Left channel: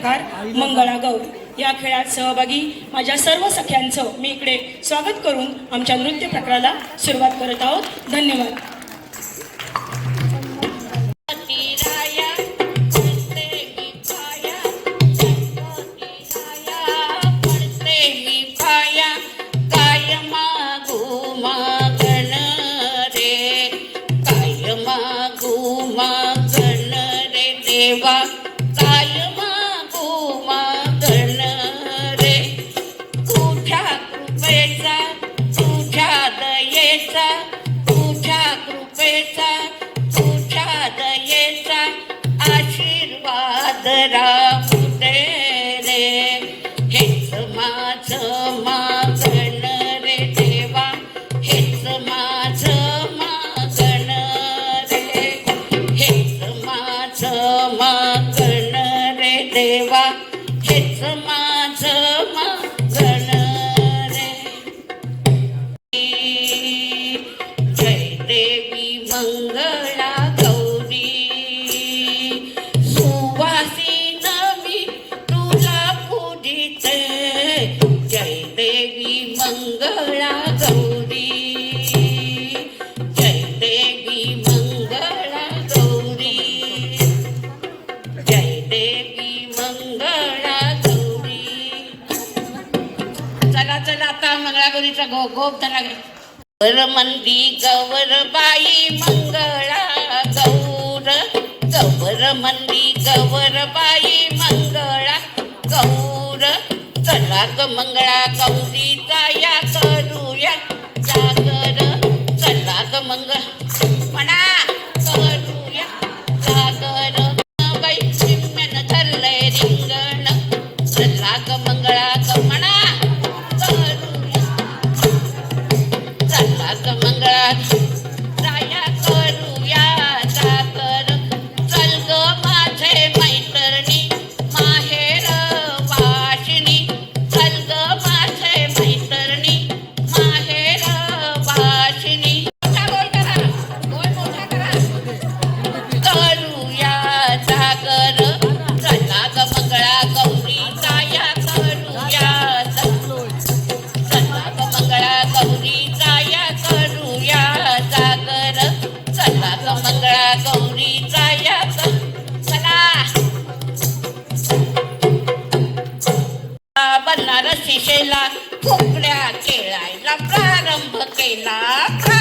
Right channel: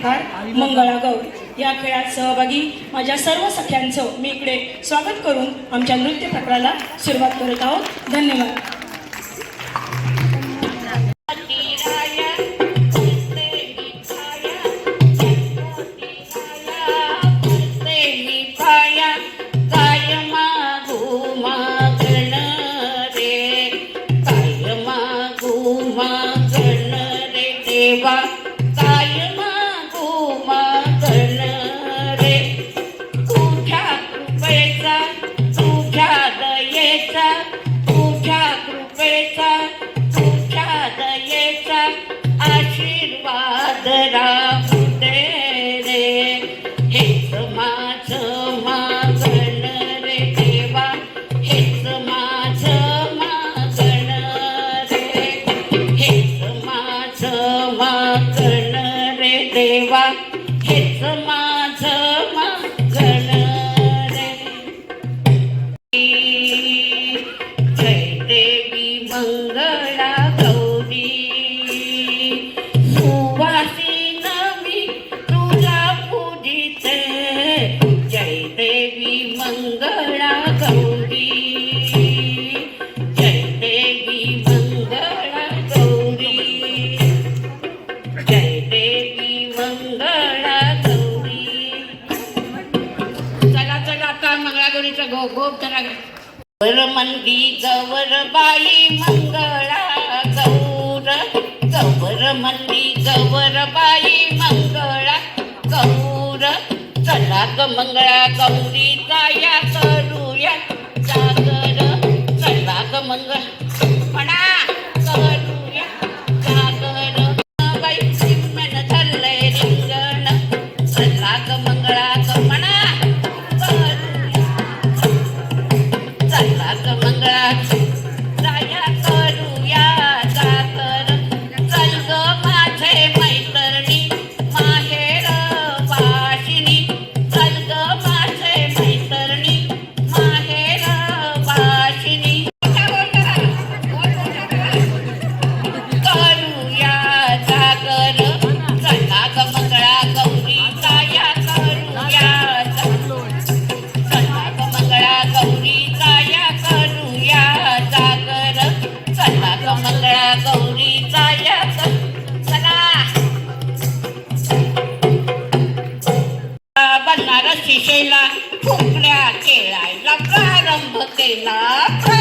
प्रकार मंगळागौर या खेळात सहभागी माझ्या सर्व सख्यांचं मी इकडे स्वागत करून आमच्या नृत्य प्रकाराला सुरुवात करत आहोत. धन्यवाद. मंदी गौरबाई मंगळा गौर गौर मंदी गौरबाई मंगळा गौर चला ग मंगळा गौरीचा या करूया जागर चला ग मंगळ म्हणा करूया जागर बाई सिम्मेन धरलंय रिंगण चला ग मंगळा ग म्हणा शिशेला फुकड्या खेळायला प्रारंभ केला.